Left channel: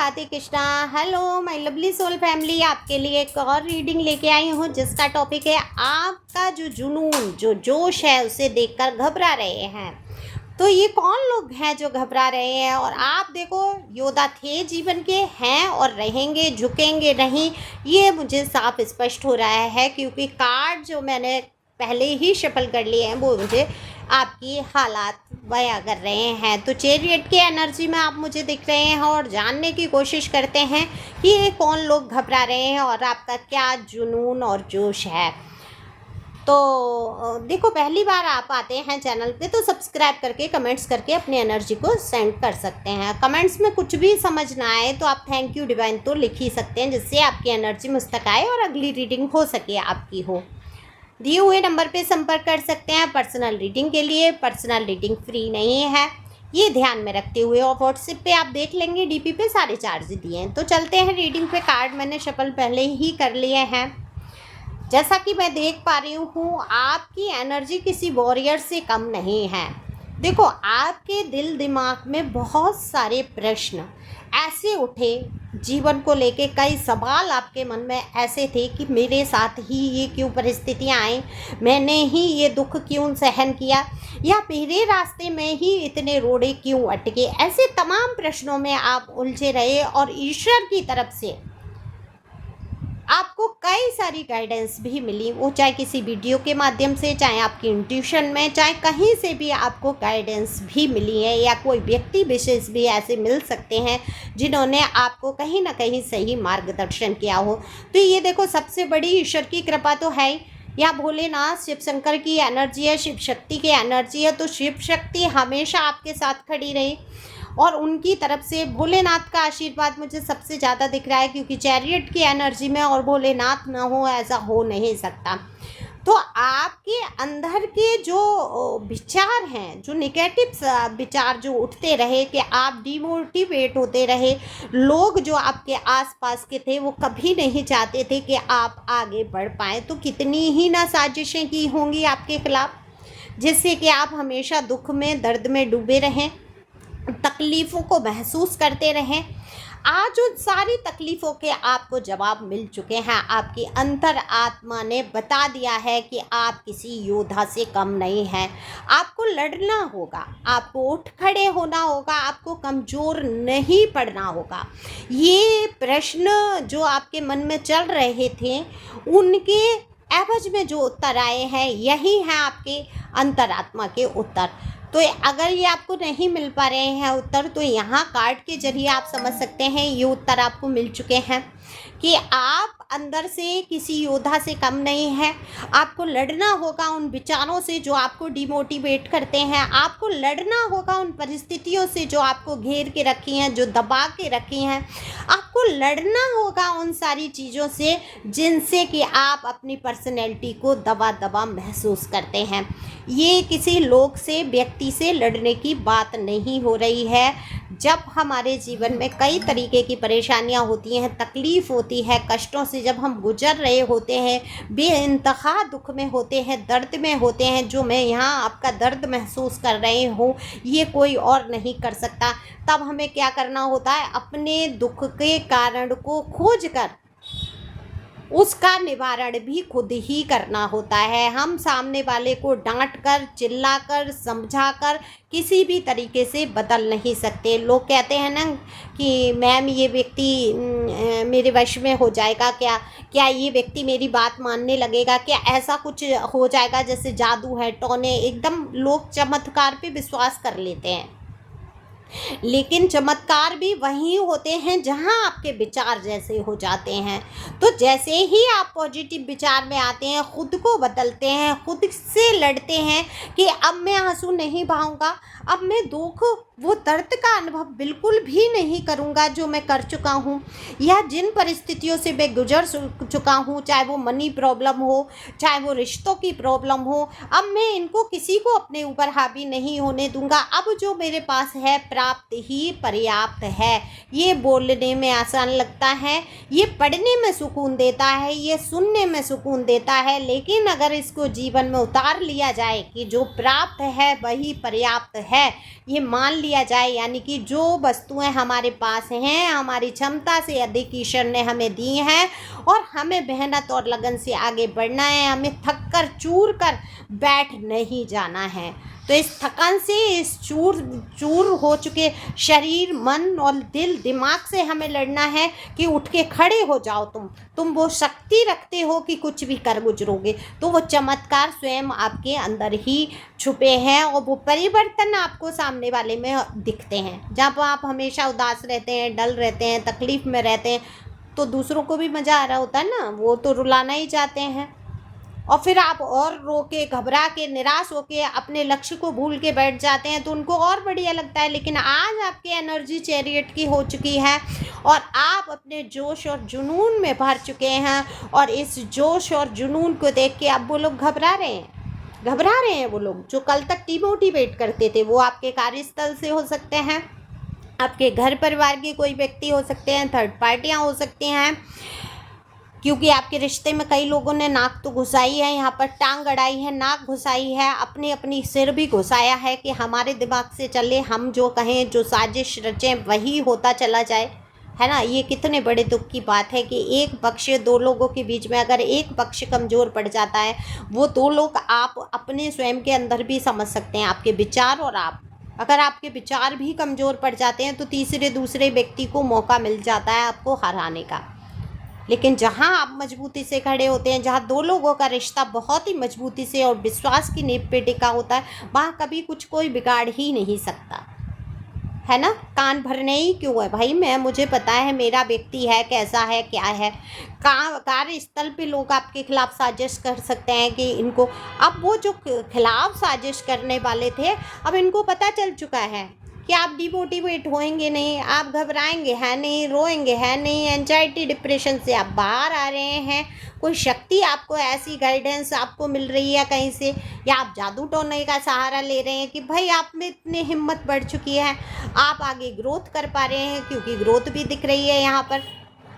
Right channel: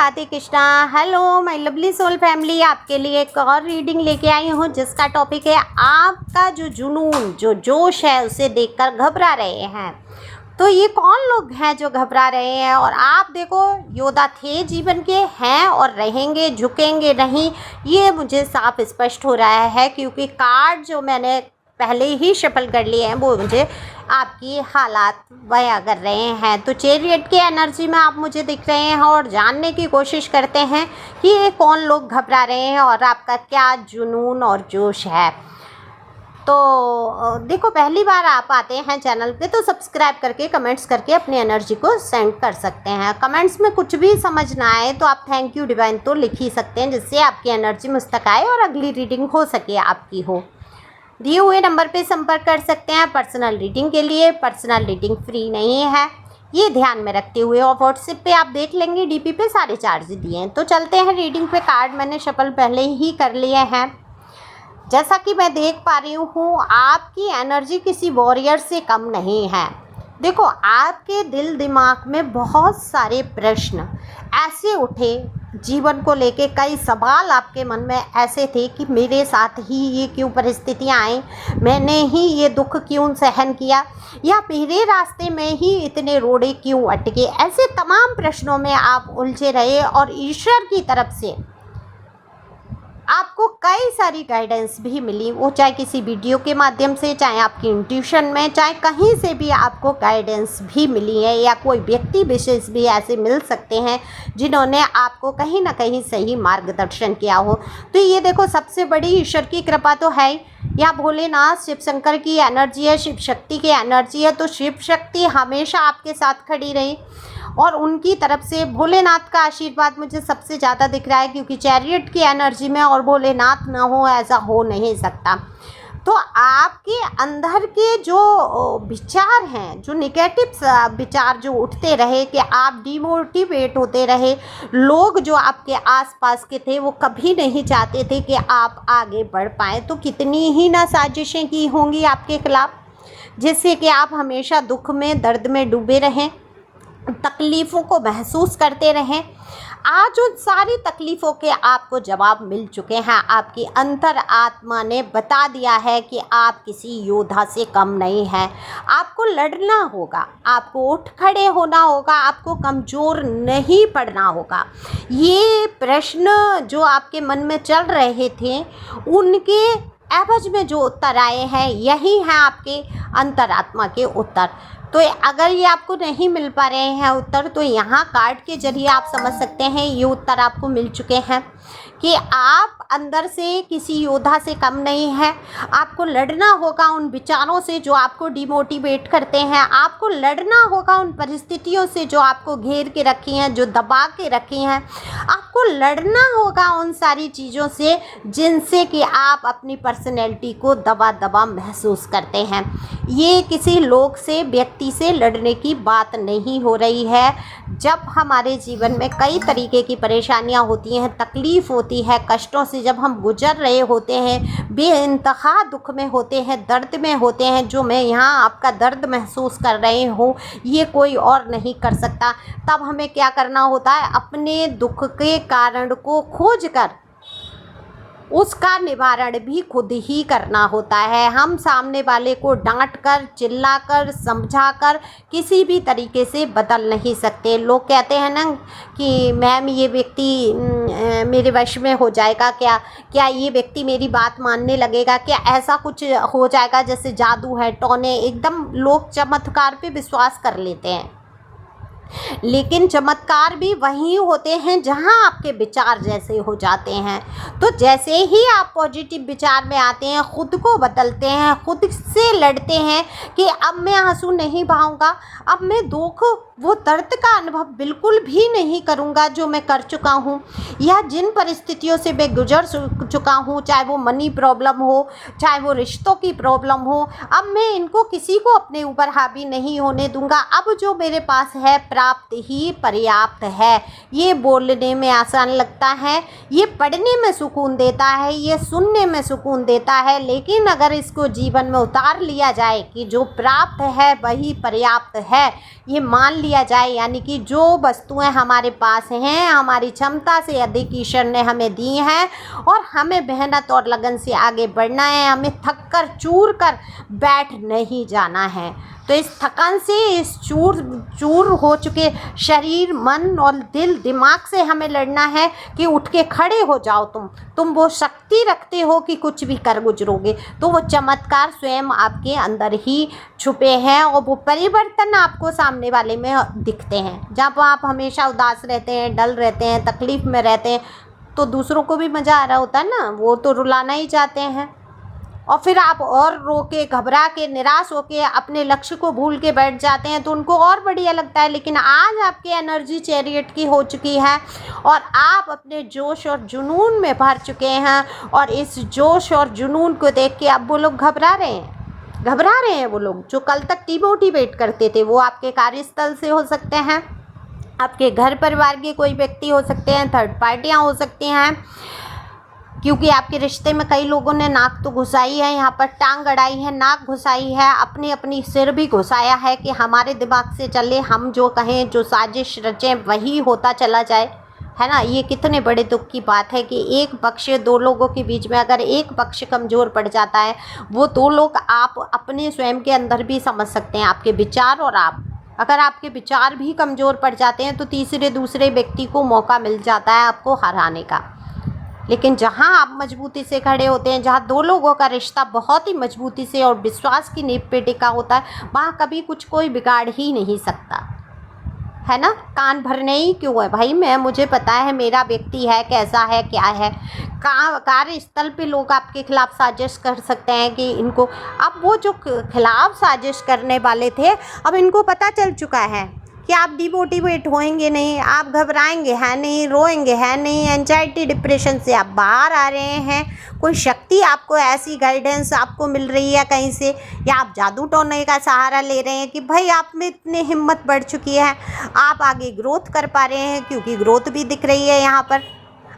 Radhe Krishna. Hello my lovely soul family, आपके लिए एक और रीडिंग लेके आई हूँ जिसका टॉपिक है आपका जो जुनून, जो जोश है उसे देखकर घबरा रहे हैं। तो ये कौन लोग हैं जो घबरा रहे हैं? और आप देखो, योद्धा थे जीवन के, हैं और रहेंगे, झुकेंगे नहीं, ये मुझे साफ स्पष्ट हो रहा है क्योंकि कार्ड जो मैंने पहले ही शफल कर लिए हैं वो मुझे आपकी हालात बयां कर रहे हैं। तो चैरियट की एनर्जी में आप मुझे दिख रहे हैं और जानने की कोशिश करते हैं कि ये कौन लोग घबरा रहे हैं और आपका क्या जुनून और जोश है। तो देखो, पहली बार आप आते हैं चैनल पे तो सब्सक्राइब करके कमेंट्स करके अपनी एनर्जी को सेंड कर सकते हैं। कमेंट्स में कुछ भी समझ ना आए तो आप थैंक यू डिवाइन तो लिख ही सकते हैं, जिससे आपकी एनर्जी मुझ तक आए और अगली रीडिंग हो सके आपकी हो। दिए हुए नंबर पे संपर्क कर सकते हैं पर्सनल रीडिंग के लिए। पर्सनल रीडिंग फ्री नहीं है, ये ध्यान में रखते हुए। और व्हाट्सएप पे आप देख लेंगे डीपी पे सारे चार्ज दिए हैं। तो चलते हैं रीडिंग पे। कार्ड मैंने शफल पहले ही कर लिए हैं। जैसा कि मैं देख पा रही हूँ, आपकी एनर्जी किसी वॉरियर से कम नहीं है। देखो, आपके दिल दिमाग में बहुत सारे प्रश्न ऐसे उठे, जीवन को लेके कई सवाल आपके मन में ऐसे थे कि मेरे साथ ही ये क्यों परिस्थितियाँ आई, मैंने ही ये दुख क्यों सहन किया, या मेरे रास्ते में ही इतने रोड़े क्यों अटके। ऐसे तमाम प्रश्नों में आप उलझे रहे और ईश्वर की तरफ से आपको कई सारी गाइडेंस भी मिली, वो चाहे किसी वीडियो के माध्यम से, चाहे आपकी इंट्यूशन में, चाहे कहीं से भी आपको गाइडेंस भी मिली है, या कोई व्यक्ति विशेष भी ऐसे मिल सकते हैं जिन्होंने आपको कहीं ना कहीं सही मार्गदर्शन किया हो। तो ये देखो, सबसे बड़ी ईश्वर की कृपा तो है ही, या भोलेनाथ शिव शंकर की एनर्जी है, शिव शक्ति की एनर्जी है। तो शिव शक्ति हमेशा आपके साथ खड़ी रही और उनकी तरफ से भोलेनाथ का आशीर्वाद मुझे सबसे ज़्यादा दिख रहा है, क्योंकि चैरियट की एनर्जी में और भोलेनाथ ना हो ऐसा हो नहीं सकता। तो आपके अंदर के जो विचार हैं, जो निगेटिव विचार जो उठते रहे कि आप डिमोटिवेट होते रहे, लोग जो आपके आसपास के थे वो कभी नहीं चाहते थे कि आप आगे बढ़ पाएँ। तो कितनी ही ना साजिशें की होंगी आपके खिलाफ, जिससे कि आप हमेशा दुख में, दर्द में डूबे रहें, तकलीफ़ों को महसूस करते रहें। आज उन सारी तकलीफ़ों के आपको जवाब मिल चुके हैं। आपकी अंतर आत्मा ने बता दिया है कि आप किसी योद्धा से कम नहीं हैं। आपको लड़ना होगा, आपको उठ खड़े होना होगा, आपको कमज़ोर नहीं पड़ना होगा। ये प्रश्न जो आपके मन में चल रहे थे, उनके एवज में जो उत्तर आए हैं, यही हैं आपके अंतरात्मा के उत्तर। तो अगर ये आपको नहीं मिल पा रहे हैं उत्तर, तो यहाँ कार्ड के जरिए आप समझ सकते हैं ये उत्तर आपको मिल चुके हैं कि आप अंदर से किसी योद्धा से कम नहीं है। आपको लड़ना होगा उन विचारों से जो आपको डिमोटिवेट करते हैं। आपको लड़ना होगा उन परिस्थितियों से जो आपको घेर के रखी हैं, जो दबा के रखी हैं। आपको लड़ना होगा उन सारी चीज़ों से जिनसे कि आप अपनी पर्सनैलिटी को दबा दबा महसूस करते हैं। ये किसी लोग से, व्यक्ति से लड़ने की बात नहीं हो रही है। जब हमारे जीवन में कई तरीके की परेशानियां होती हैं, तकलीफ़ होती है, कष्टों से जब हम गुजर रहे होते हैं, बेइंतहा दुख में होते हैं, दर्द में होते हैं, जो मैं यहाँ आपका दर्द महसूस कर रही हूँ, ये कोई और नहीं कर सकता। तब हमें क्या करना होता है? अपने दुख के कारण को खोज कर उसका निवारण भी खुद ही करना होता है। हम सामने वाले को डांट कर, चिल्ला कर, समझा कर किसी भी तरीके से बदल नहीं सकते। लोग कहते हैं ना कि मैम ये व्यक्ति मेरे वश में हो जाएगा क्या, क्या ये व्यक्ति मेरी बात मानने लगेगा क्या, ऐसा कुछ हो जाएगा जैसे जादू है, टोने, एकदम लोग चमत्कार पे विश्वास कर लेते हैं। लेकिन चमत्कार भी वहीं होते हैं जहां आपके विचार जैसे हो जाते हैं। तो जैसे ही आप पॉजिटिव विचार में आते हैं, खुद को बदलते हैं, खुद से लड़ते हैं कि अब मैं आंसू नहीं बहाऊंगा, अब मैं दुख, वो दर्द का अनुभव बिल्कुल भी नहीं करूंगा जो मैं कर चुका हूं, या जिन परिस्थितियों से मैं गुजर चुका हूं, चाहे वो मनी प्रॉब्लम हो, चाहे वो रिश्तों की प्रॉब्लम हो, अब मैं इनको किसी को अपने ऊपर हावी नहीं होने दूंगा। अब जो मेरे पास है प्राप्त ही पर्याप्त है। ये बोलने में आसान लगता है, ये पढ़ने में सुकून देता है, ये सुनने में सुकून देता है, लेकिन अगर इसको जीवन में उतार लिया जाए कि जो प्राप्त है वही पर्याप्त है, ये मान लिया जाए, यानी कि जो वस्तुएं हमारे पास हैं हमारी क्षमता से अधिक ईश्वर ने हमें दी हैं और हमें मेहनत और लगन से आगे बढ़ना है, हमें थक कर चूर कर बैठ नहीं जाना है। तो इस थकान से, इस चूर हो चुके शरीर, मन और दिल दिमाग से हमें लड़ना है कि उठ के खड़े हो जाओ। तुम वो शक्ति रखते हो कि कुछ भी कर गुजरोगे। तो वो चमत्कार स्वयं आपके अंदर ही छुपे हैं और वो परिवर्तन आपको सामने वाले में दिखते हैं। जब आप हमेशा उदास रहते हैं, डल रहते हैं, तकलीफ़ में रहते हैं, तो दूसरों को भी मज़ा आ रहा होता है ना, वो तो रुलाना ही चाहते हैं। और फिर आप और रो के, घबरा के, निराश होके अपने लक्ष्य को भूल के बैठ जाते हैं तो उनको और बढ़िया लगता है। लेकिन आज आपकी एनर्जी चैरियट की हो चुकी है और आप अपने जोश और जुनून में भर चुके हैं और इस जोश और जुनून को देख के अब वो लोग घबरा रहे हैं। वो लोग जो कल तक डिमोटिवेट करते थे, वो आपके कार्यस्थल से हो सकते हैं, आपके घर परिवार के कोई व्यक्ति हो सकते हैं, थर्ड पार्टियाँ हो सकती हैं, क्योंकि आपके रिश्ते में कई लोगों ने नाक तो घुसाई है, यहाँ पर टांग अड़ाई है, नाक घुसाई है, अपनी सिर भी घुसाया है कि हमारे दिमाग से चले, हम जो कहें, जो साजिश रचें वही होता चला जाए, है ना। ये कितने बड़े दुख की बात है कि एक पक्ष, दो लोगों के बीच में अगर एक पक्ष कमज़ोर पड़ जाता है, वो दो लोग आप अपने स्वयं के अंदर भी समझ सकते हैं, आपके विचार और आप, अगर आपके विचार भी कमज़ोर पड़ जाते हैं तो दूसरे व्यक्ति को मौका मिल जाता है आपको हराने का। लेकिन जहाँ आप मजबूती से खड़े होते हैं, जहाँ दो लोगों का रिश्ता बहुत ही मजबूती से और विश्वास की नींव पे टिका होता है, वहाँ कभी कोई बिगाड़ ही नहीं सकता, है ना। कान भरने ही क्यों है भाई, मुझे पता है मेरा व्यक्ति है, कैसा है, क्या है। कार्यस्थल पे लोग आपके खिलाफ साजिश कर सकते हैं कि इनको, अब वो जो खिलाफ साजिश करने वाले थे, अब इनको पता चल चुका है कि आप डिमोटिवेट होएंगे नहीं, आप घबराएंगे है नहीं, रोएंगे है नहीं, एंजाइटी डिप्रेशन से आप बाहर आ रहे हैं। कोई शक्ति आपको, ऐसी गाइडेंस आपको मिल रही है कहीं से, या आप जादू टोने का सहारा ले रहे हैं कि भाई आप में इतनी हिम्मत बढ़ चुकी है, आप आगे ग्रोथ कर पा रहे हैं, क्योंकि ग्रोथ भी दिख रही है यहाँ पर।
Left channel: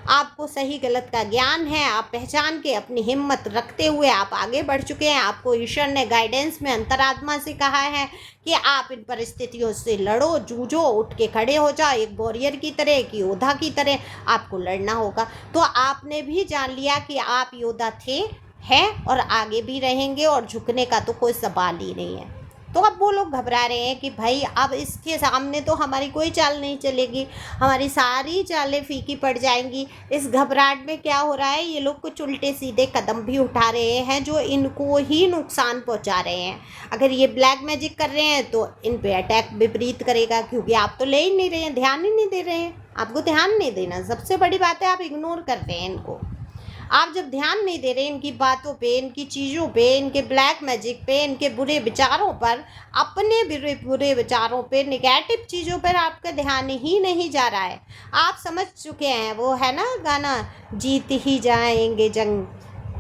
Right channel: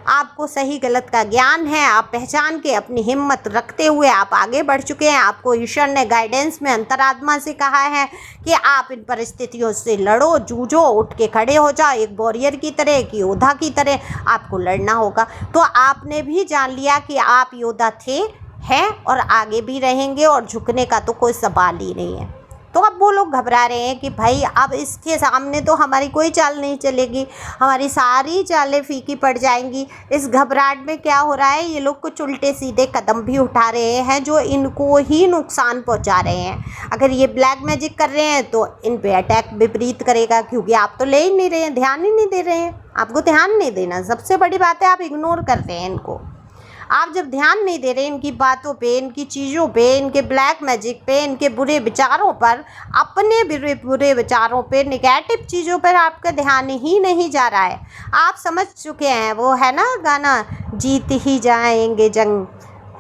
आपको सही गलत का ज्ञान है, आप पहचान के अपनी हिम्मत रखते हुए आप आगे बढ़ चुके हैं। आपको ईश्वर ने गाइडेंस में अंतरात्मा से कहा है कि आप इन परिस्थितियों से लड़ो, जूझो, उठ के खड़े हो जाओ, एक वॉरियर की तरह, एक योद्धा की तरह आपको लड़ना होगा। तो आपने भी जान लिया कि आप योद्धा थे, हैं और आगे भी रहेंगे और झुकने का तो कोई सवाल ही नहीं है। तो अब वो लोग घबरा रहे हैं कि भाई अब इसके सामने तो हमारी कोई चाल नहीं चलेगी, हमारी सारी चालें फीकी पड़ जाएंगी। इस घबराहट में क्या हो रहा है, ये लोग कुछ उल्टे सीधे कदम भी उठा रहे हैं जो इनको ही नुकसान पहुंचा रहे हैं। अगर ये ब्लैक मैजिक कर रहे हैं तो इन पे अटैक विपरीत करेगा, क्योंकि आप तो ले ही नहीं रहे हैं, ध्यान ही नहीं दे रहे हैं। आपको ध्यान नहीं देना, सबसे बड़ी बात है, आप इग्नोर कर रहे हैं इनको। आप जब ध्यान नहीं दे रहे इनकी बातों पे, इनकी चीज़ों पे, इनके ब्लैक मैजिक पे, इनके बुरे विचारों पर, अपने बुरे विचारों पे, नेगेटिव चीज़ों पर आपका ध्यान ही नहीं जा रहा है। आप समझ चुके हैं, वो है ना गाना, जीत ही जाएंगे जंग,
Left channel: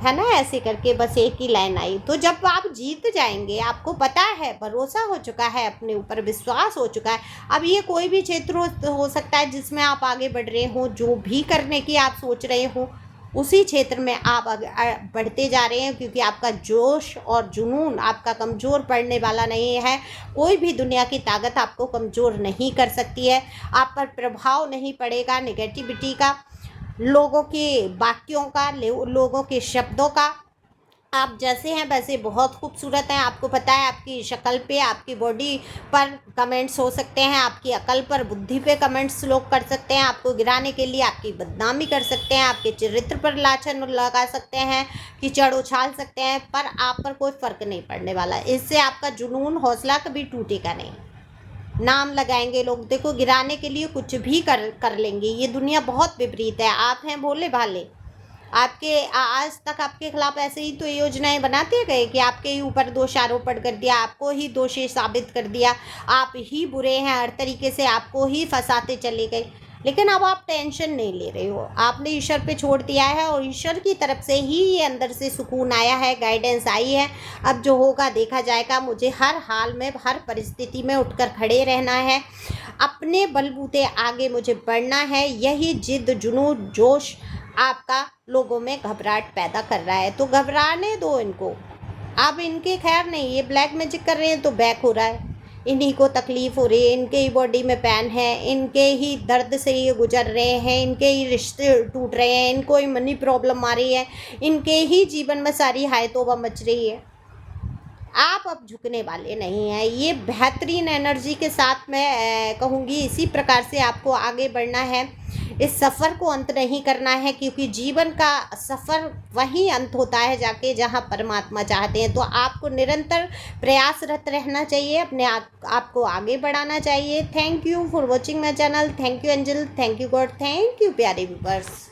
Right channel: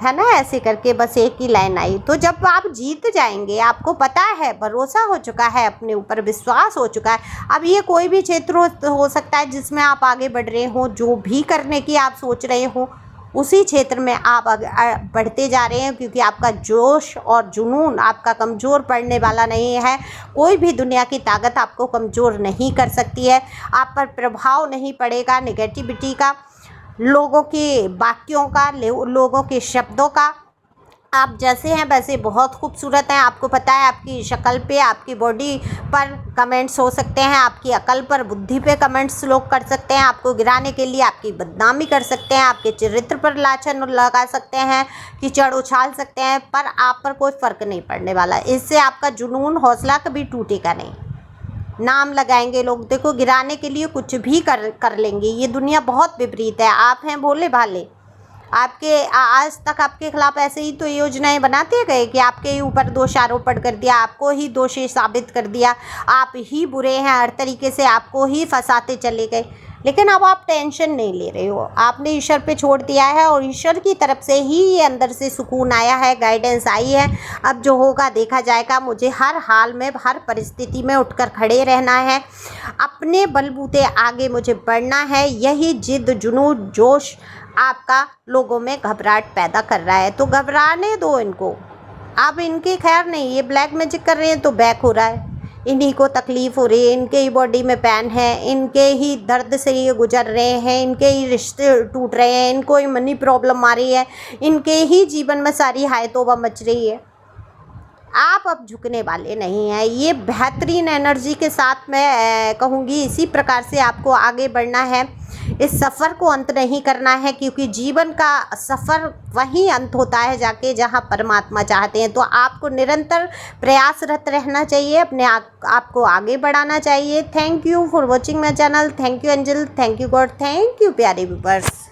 है ना, ऐसे करके बस एक ही लाइन आई। तो जब आप जीत जाएंगे, आपको पता है, भरोसा हो चुका है, अपने ऊपर विश्वास हो चुका है। अब ये कोई भी क्षेत्र हो सकता है जिसमें आप आगे बढ़ रहे हो, जो भी करने की आप सोच रहे हो उसी क्षेत्र में आप बढ़ते जा रहे हैं, क्योंकि आपका जोश और जुनून आपका कमज़ोर पड़ने वाला नहीं है। कोई भी दुनिया की ताकत आपको कमज़ोर नहीं कर सकती है। आप पर प्रभाव नहीं पड़ेगा नेगेटिविटी का, लोगों के वाक्यों का, लोगों के शब्दों का। आप जैसे हैं वैसे बहुत खूबसूरत हैं। आपको पता है, आपकी शक्ल पे, आपकी बॉडी पर कमेंट्स हो सकते हैं, आपकी अकल पर, बुद्धि पे कमेंट्स लोग कर सकते हैं, आपको गिराने के लिए आपकी बदनामी कर सकते हैं, आपके चरित्र पर लाछन लगा सकते हैं, कीचड़ उछाल सकते हैं, पर आप पर कोई फ़र्क नहीं पड़ने वाला। इससे आपका जुनून, हौसला कभी टूटेगा नहीं। नाम लगाएंगे लोग, देखो गिराने के लिए कुछ भी कर लेंगे। ये दुनिया बहुत विपरीत है। आप हैं भोले भाले, आपके आज तक आपके खिलाफ ऐसे ही तो योजनाएं बनाते गए कि आपके ही ऊपर दोष आरोपण कर दिया, आपको ही दोषी साबित कर दिया, आप ही बुरे हैं, हर तरीके से आपको ही फंसाते चले गए। लेकिन अब आप टेंशन नहीं ले रहे हो, आपने ईश्वर पे छोड़ दिया है और ईश्वर की तरफ से ही ये अंदर से सुकून आया है, गाइडेंस आई है। अब जो होगा देखा जाएगा, मुझे हर हाल में, हर परिस्थिति में उठकर खड़े रहना है। अपने बलबूते आगे मुझे बढ़ना है, यही जिद जुनून जोश आपका लोगों में घबराहट पैदा कर रहा है। तो घबराने दो इनको, अब इनकी खैर नहीं, ये ब्लैक मैजिक कर रहे हैं तो बैक हो रहा है, इन्हीं को तकलीफ़ हो रही है, इनके ही बॉडी में पेन है, इनके ही दर्द से ये गुजर रहे हैं, इनके ही रिश्ते टूट रहे हैं, इनको ही मनी प्रॉब्लम आ रही है, इनके ही जीवन में सारी हाय तौबा मच रही है। आप अब झुकने वाले नहीं हैं। ये बेहतरीन एनर्जी के साथ मैं कहूँगी, इसी प्रकार से आपको आगे बढ़ना है, इस सफ़र को अंत नहीं करना है, क्योंकि जीवन का सफ़र वहीं अंत होता है जाके जहाँ परमात्मा चाहते हैं। तो आपको निरंतर प्रयासरत रहना चाहिए, अपने आपको आगे बढ़ाना चाहिए। Thank you for watching my channel. Thank you angel, thank you God, thank you प्यारे व्यूअर्स।